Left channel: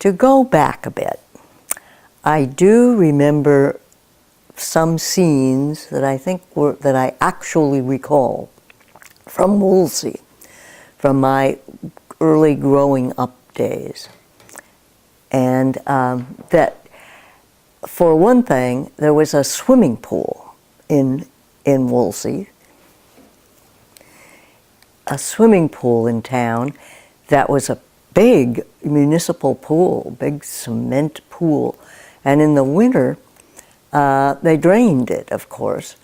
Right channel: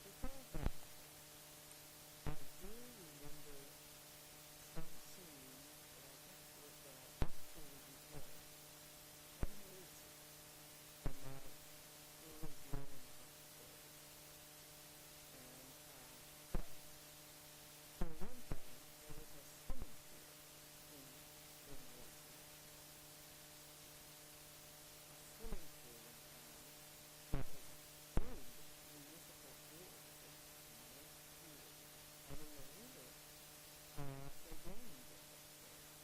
To go back a bit, I do remember some scenes that I think that I actually recall from Woolsey, from my early growing up days. And that, for one thing, there was a swimming pool in Woolsey, a swimming pool in town that was a big municipal pool, big cement pool. And in the winter, they drained it, of course,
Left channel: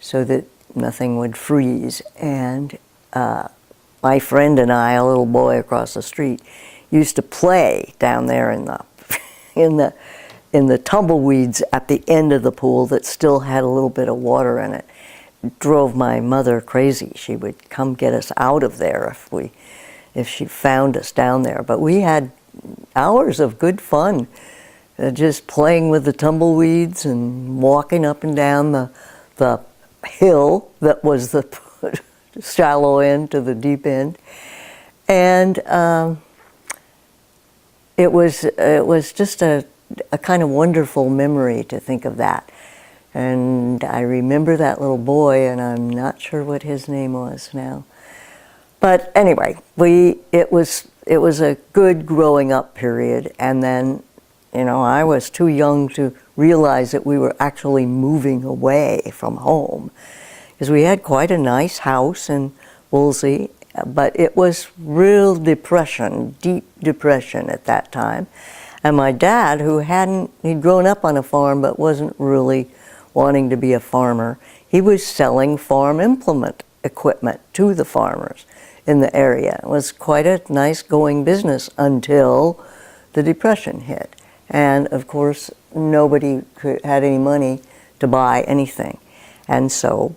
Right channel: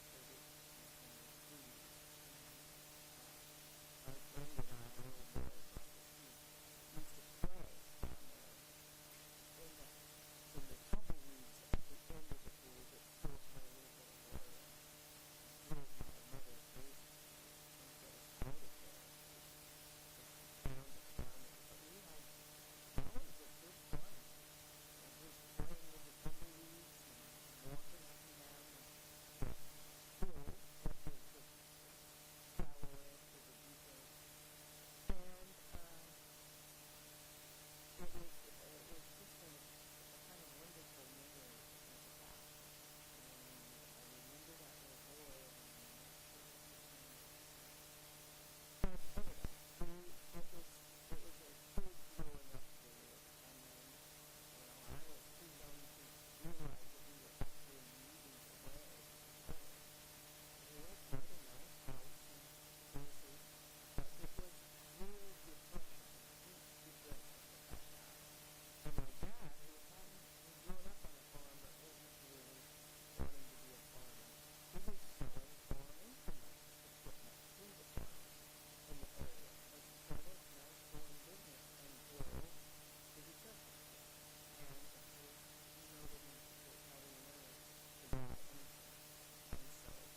so that nothing would freeze. And my friend and I, a little boy across the street, used to play down there in the tumbleweeds at the end of the pool that still had a little bit of water in it. It drove my mother crazy. She would come get us out of there if she found us down there. But we had hours of good fun, just playing with the tumbleweeds and walking up and down the hill that was the shallow end to the deep end. And it was just a kind of wonderful memory to think of that. And I remember that little boy, and I'm not sure what his name was now. But anyway, it was a good growing up period. And then, I was too young to realize that we were actually moving away from home, because we had quite a nice house in Woolsey, but it was real depression, deep depression at that time. And my dad, he'd grown up on a farm but wasn't really wanting to be a farmer, he was selling farm implement equipment to the farmers in the area. It was quite a nice going business until the Depression hit. And of course, nobody had any money to buy anything. And so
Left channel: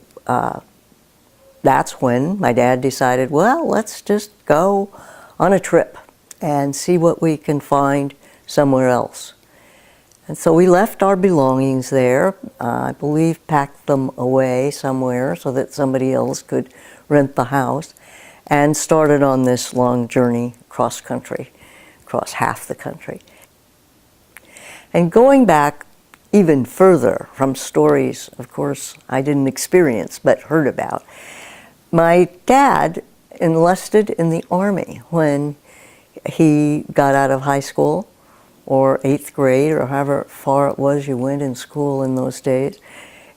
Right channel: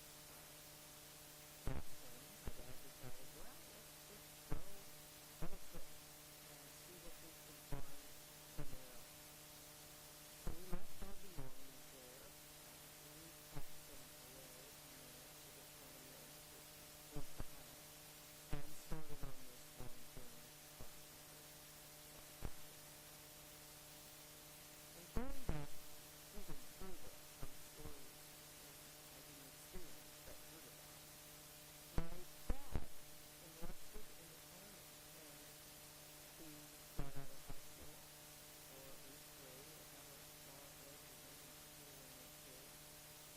that's when my dad decided, well, let's just go on a trip and see what we can find somewhere else. And so we left our belongings there, I believe packed them away somewhere so that somebody else could rent the house, and started on this long journey cross country, across half the country. And going back even further from stories, of course, I didn't experience but heard about, my dad enlisted in the Army when he got out of high school, or 8th grade, or however far it was you went in school in those days.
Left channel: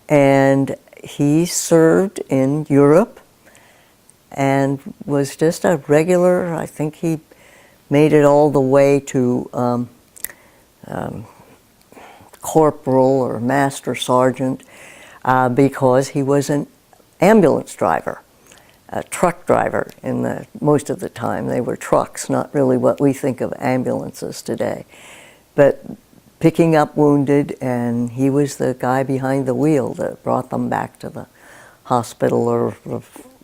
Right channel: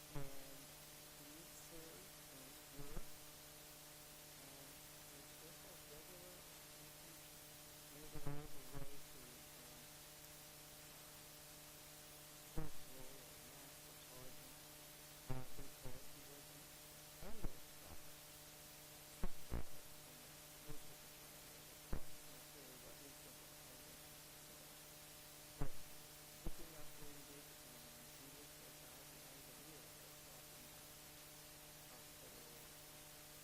And he served in Europe and was just a regular, I think he made it all the way to corporal or master sergeant because he was an ambulance driver, a truck driver most of the time. They were trucks, not really what we think of ambulances today. But picking up wounded, and he was the guy behind the wheel that brought them back to the hospital or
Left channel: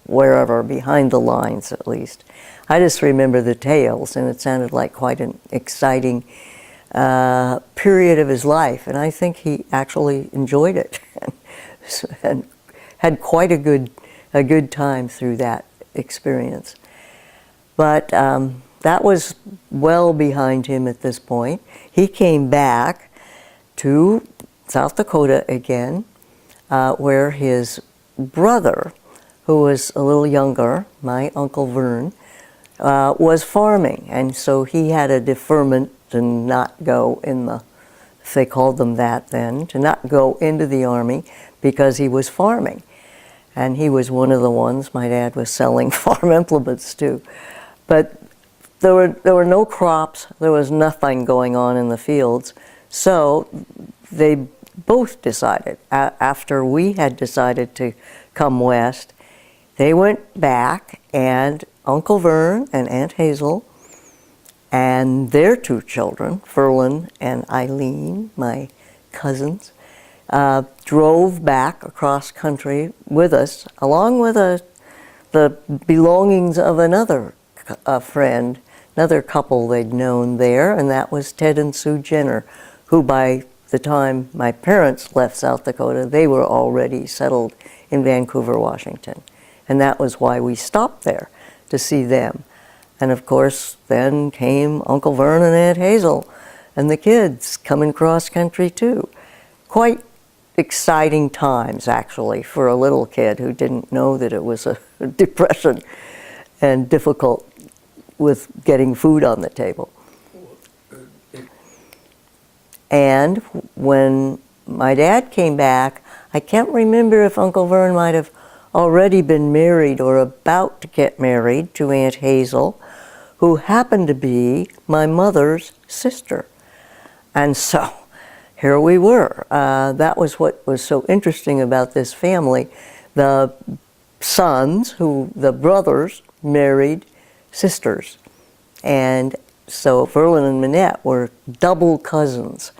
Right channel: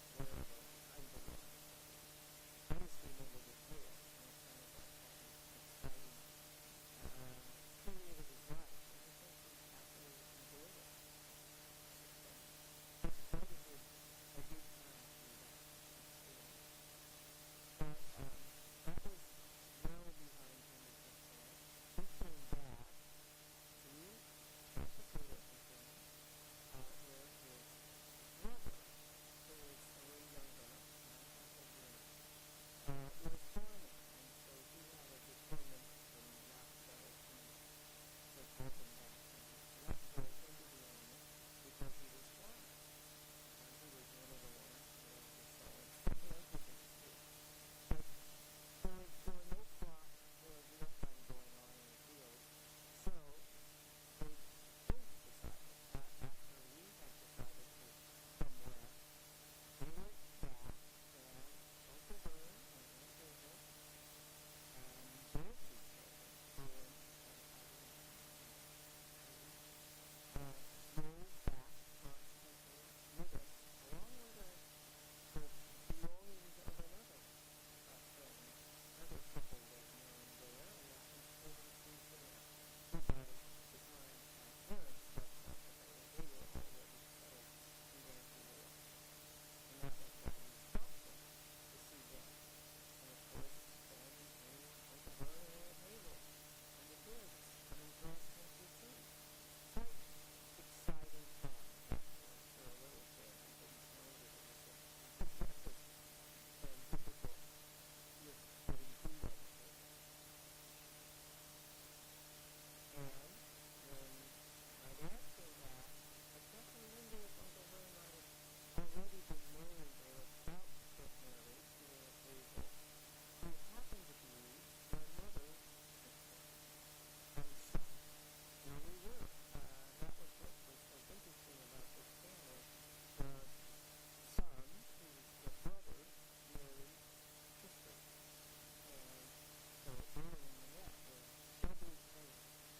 wherever, behind the lines at least. I just remember the tales, and it sounded like quite an exciting period of his life, and I think he actually enjoyed it and had quite a good time through that experience. But that was well behind him at this point. He came back to South Dakota again, where his brother, who was a little younger, my Uncle Vern, was farming. And so he had a deferment to not go if they called them that then, to not go into the Army because he was farming. And he was one of the ones my dad was selling farm implements to. But there were no crops, there was nothing going on in the fields. So they both decided, after we had decided to come west, they went back, and Uncle Vern and Aunt Hazel and their two children, Ferlin and Eileen, my cousins, drove back across country with us, along with the belongings of another friend, another couple they'd known there, and that was Ted and Sue Jenner, who by the time my parents left South Dakota, they were already settled in Vancouver, Washington. And that was why we stopped there, to see them. And of course, then came Uncle Vern and Aunt Hazel, and the kids coming cross country too. Quite exciting times, actually, for a little kid who didn't know that it was a depression and difficult with getting food on the table. And when my dad came back, I can't remember if Uncle Vern might have already been married or about to get married to Aunt Hazel, who happened to be my mother's sister. And so here we were. That was what was so interesting about this family. The sons, the brothers, married sisters. And so Verlin and Minette were double cousins.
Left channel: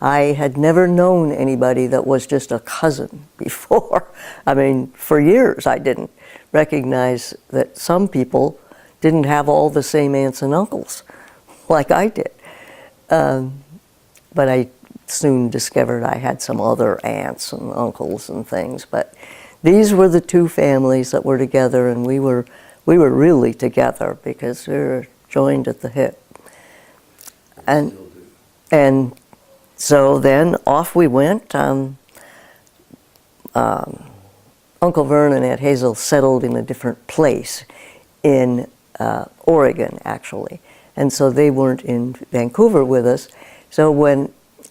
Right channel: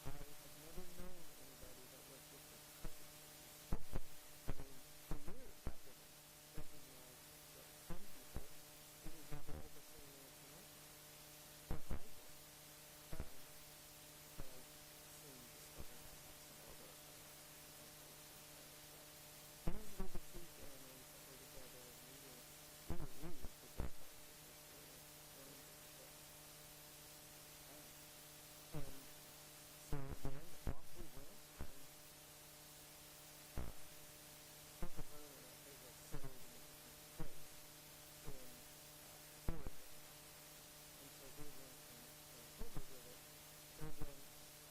I had never known anybody that was just a cousin before. I mean, for years I didn't recognize that some people didn't have all the same aunts and uncles like I did. But I soon discovered I had some other aunts and uncles and things. But these were the two families that were together, and we were really together because we were joined at the hip. And so then off we went. Uncle Vern and Aunt Hazel settled in a different place in Oregon, actually. And so they weren't in Vancouver with us. So when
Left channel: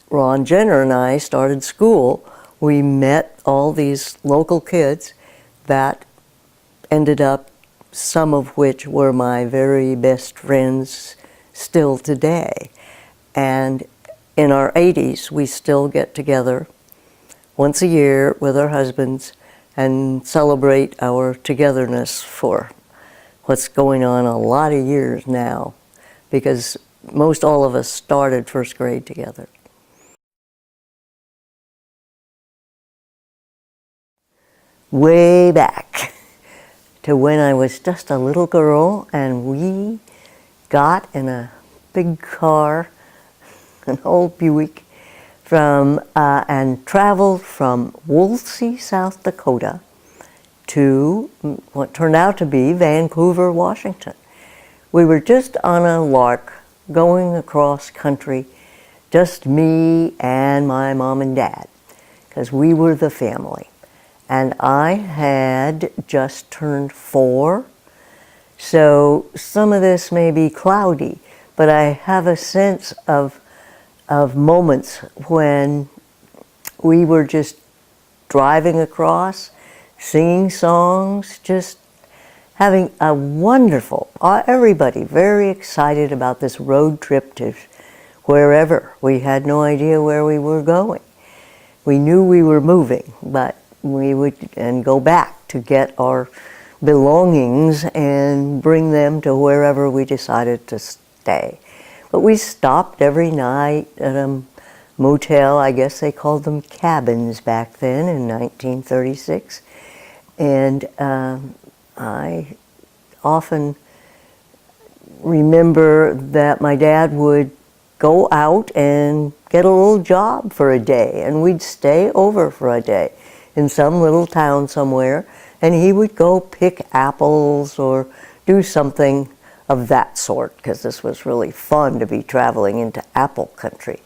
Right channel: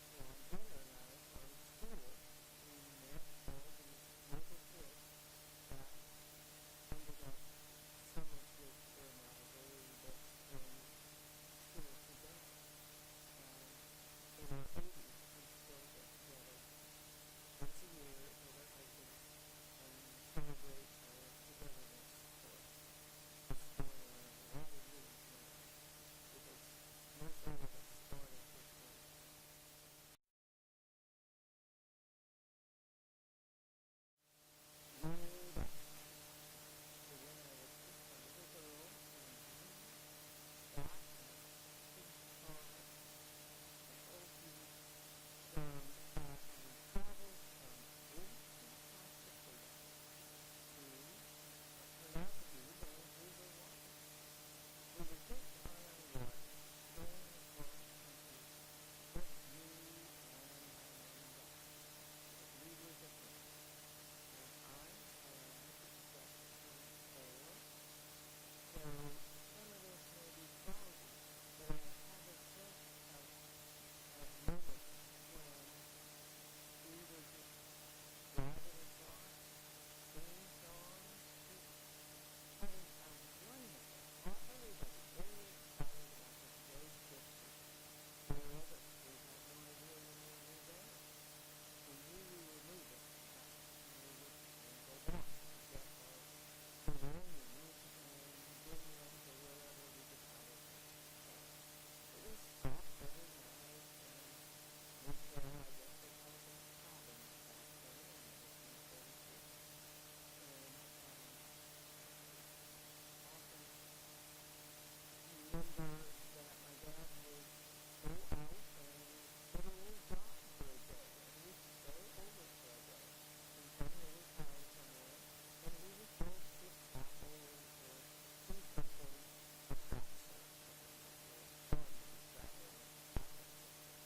Ron Jenner and I started school, we met all these local kids that ended up, some of which were my very best friends still today. And in our 80s, we still get together once a year with our husbands and celebrate our togetherness for what's going on a lot of years now, because most all of us started first grade together. Way back to when I was just a little girl and we got in a big car, an old Buick, and traveled from Woolsey, South Dakota to what turned out to be Vancouver, Washington. We were just on a lark going across country, just me and my mom and dad, because we were the family. And I had just turned 4, so some of this may be cloudy, but I have a sense of moments when we were just driving across, singing songs, just having a wonderful, everybody very excited about this road trip to wherever. We had no idea where we were going. We knew we were moving, but we would go back to get our belongings and bring them to wherever we decided to stay. But we stopped every night at a motel. I guess they called them cabins back then in 1936. And I often remember that my dad would go out and get a little job for a day, and we'd stay over for a day in some little town somewhere, and he would go pick apples or do something of that sort, because this was really fun to be traveling into apple country.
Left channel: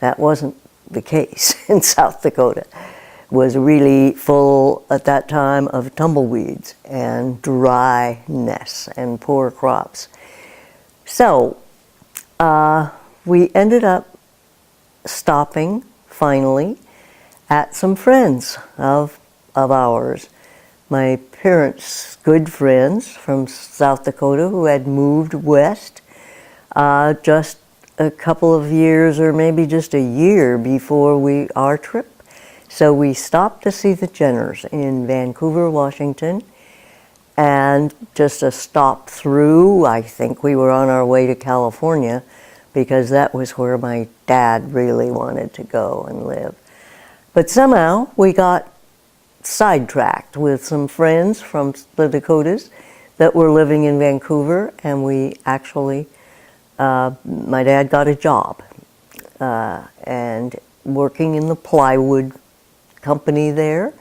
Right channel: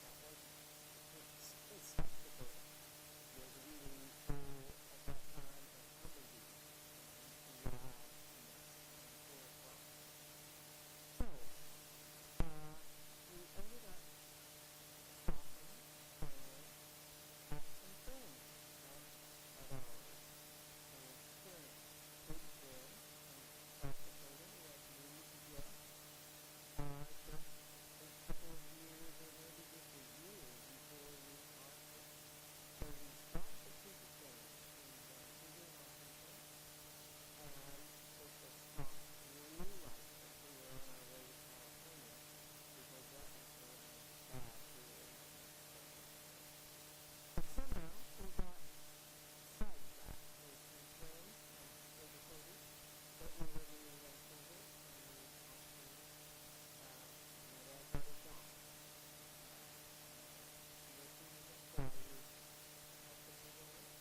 That wasn't the case in South Dakota. It was really full at that time of tumbleweeds and dryness and poor crops. So we ended up stopping finally at some friends of ours. My parents' good friends from South Dakota who had moved west just a couple of years or maybe just a year before our trip. So we stopped to see the Jenners in Vancouver, Washington, and just a stop through. I think we were on our way to California because that was where my dad really wanted to go and live. But somehow we got sidetracked with some friends from the Dakotas that were living in Vancouver, and we actually, my dad got a job and working in the plywood company there,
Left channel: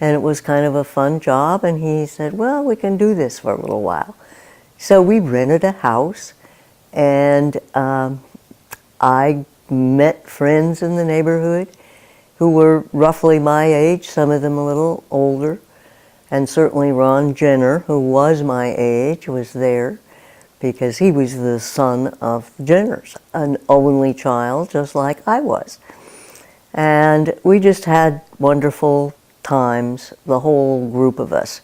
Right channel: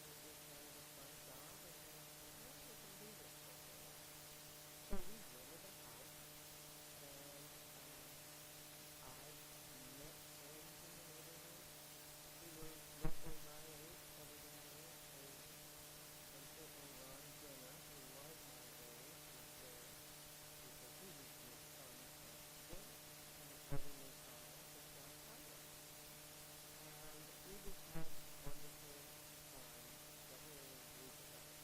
and it was kind of a fun job, and he said, well, we can do this for a little while. So we rented a house, and I met friends in the neighborhood who were roughly my age, some of them a little older, and certainly Ron Jenner, who was my age, was there because he was the son of the Jenners, an only child just like I was. And we just had wonderful times, the whole group of us,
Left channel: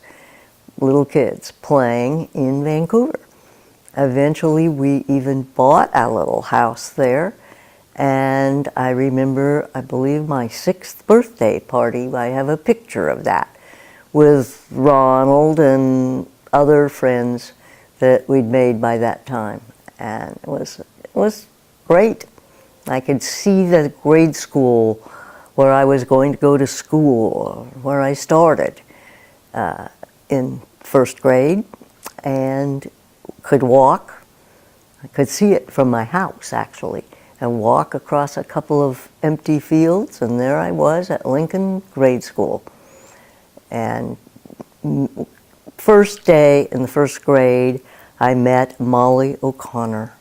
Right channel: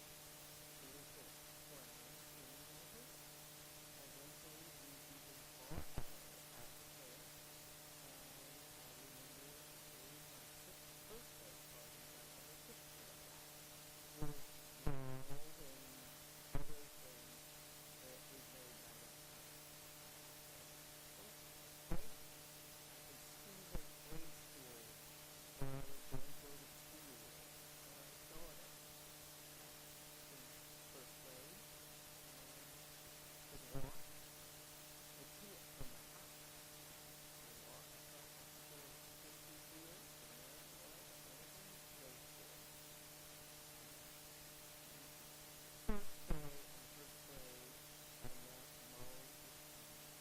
little kids, playing in Vancouver. Eventually, we even bought a little house there, and I remember, I believe, my 6th birthday party. I have a picture of that with Ronald and other friends that we'd made by that time, and it was great. I could see the grade school where I was going to go to school, where I started in 1st grade, and could walk. I could see it from my house, actually, and walk across a couple of empty fields, and there I was at Lincoln Grade School. And first day in the 1st grade, I met Molly O'Connor,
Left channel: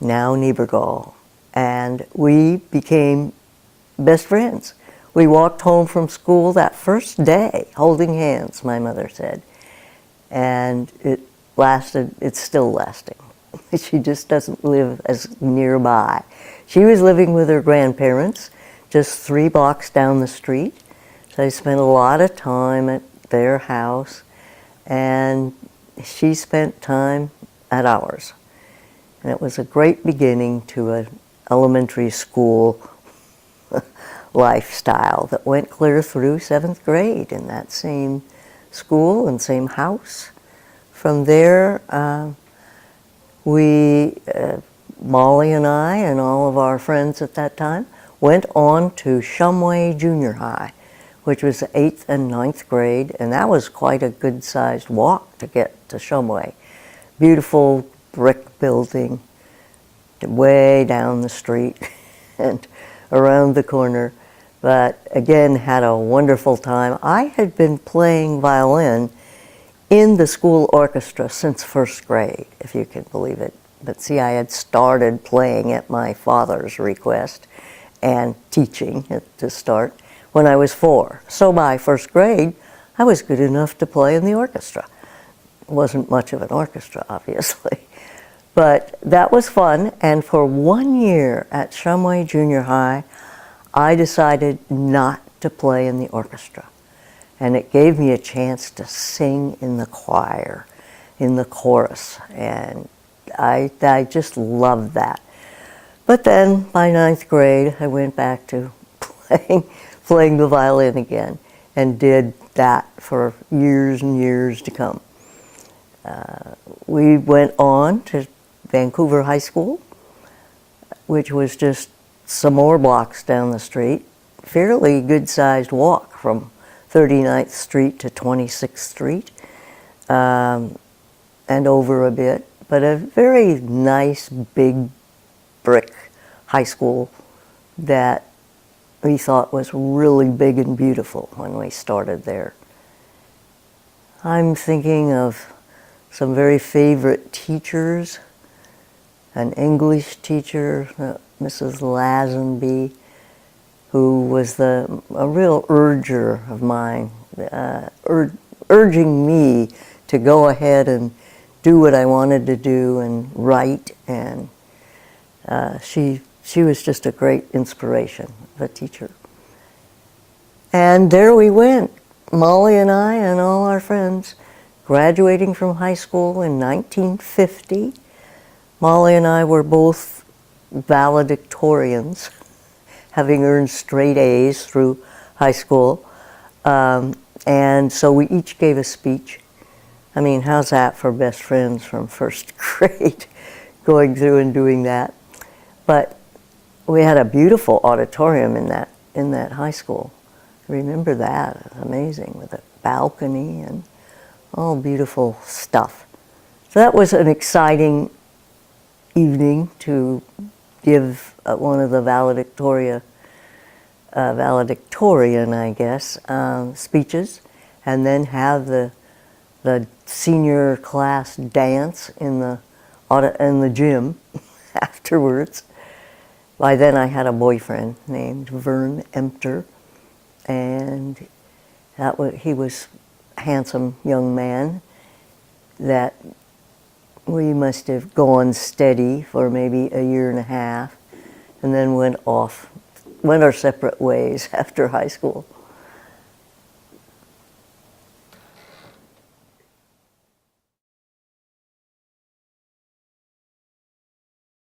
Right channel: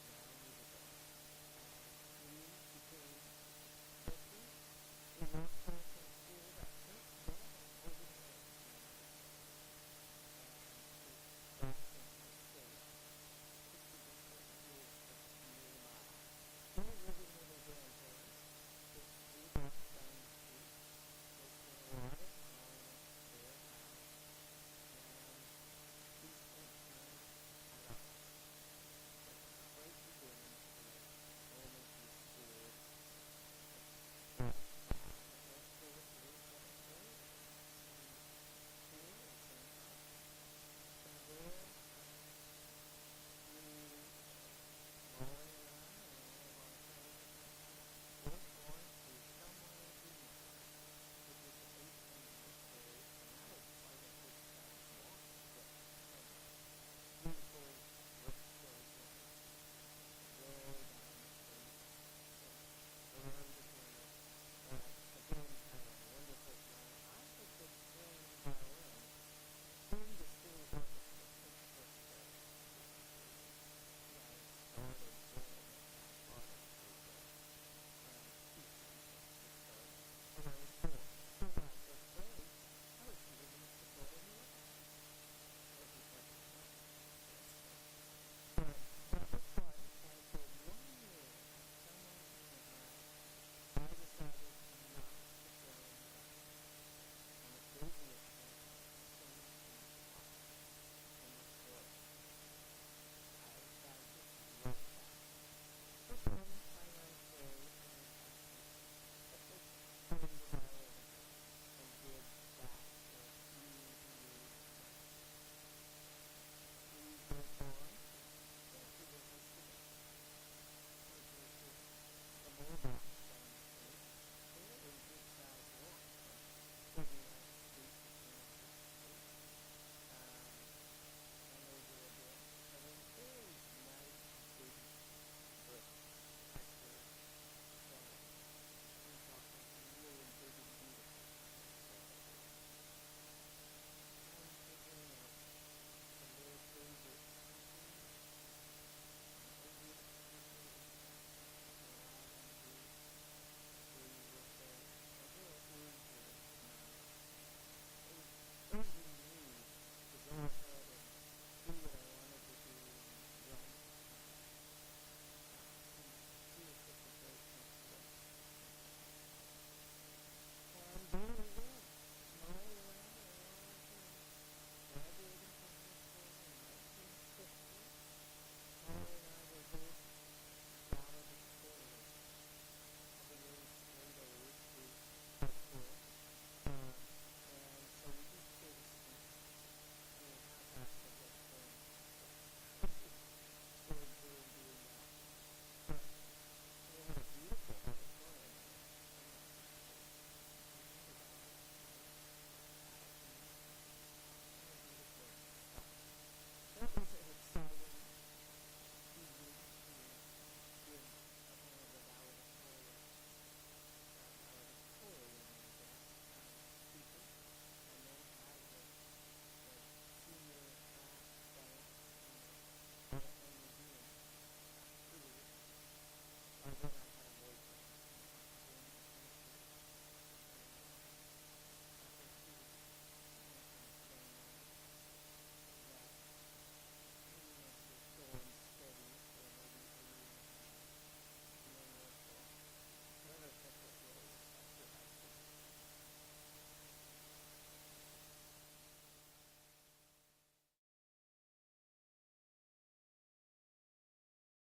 now Niebergall, and we became best friends. We walked home from school that first day, holding hands, my mother said. And it lasted, it's still lasting. She just doesn't live as nearby. She was living with her grandparents just 3 blocks down the street. So I spent a lot of time at their house, and she spent time at ours. And it was a great beginning to an elementary school lifestyle that went clear through 7th grade in that same school and same house. From there, Molly and I and all of our friends at that time went on to Shumway Junior High, which was the 8th and 9th grade, and that was quite a good-sized walk to get to Shumway. Beautiful brick building way down the street and around the corner, but again had a wonderful time. I had been playing violin in the school orchestra since 1st grade, if you can believe it. But see, I had started playing at my father's request and teaching to start when I was 4. So by 1st grade, I was good enough to play in the orchestra. It wasn't much of an orchestra, obviously. But that was fun, and for 1 year at Shumway Junior High, I decided not to play in the orchestra. And it gave me a chance to sing in the choir, in the chorus, and I just loved that. But then by 9th grade, I went back to playing the violin again, and did that for years and years to come. We went on to Vancouver High School, which was just some more blocks down the street, fairly good-sized walk from 39th Street to 26th Street, and over a bit, but a very nice big brick high school that we thought was really big and beautiful when we started there. I'm thinking of some very favorite teachers. An English teacher, Mrs. Lazenby, who was a real urger of mine, urging me to go ahead and do what I wanted to do and write, and she was just a great inspiration, a teacher. And there we went, Molly and I and all our friends, graduating from high school in 1950. Molly and I were both valedictorians, having earned straight A's through high school. And so we each gave a speech. I mean, how's that for best friends from 1st grade, going through and doing that? But we had a beautiful auditorium in that high school. Remember that? Amazing, with a balcony and all beautiful stuff. So that was an exciting evening to give one of the valedictorian, I guess, speeches, and then have the the senior class dance in the gym afterwards. By then I had a boyfriend named Vern Empter, and he was a handsome young man that we must have gone steady for maybe a year and a half, and then went our separate ways after high school.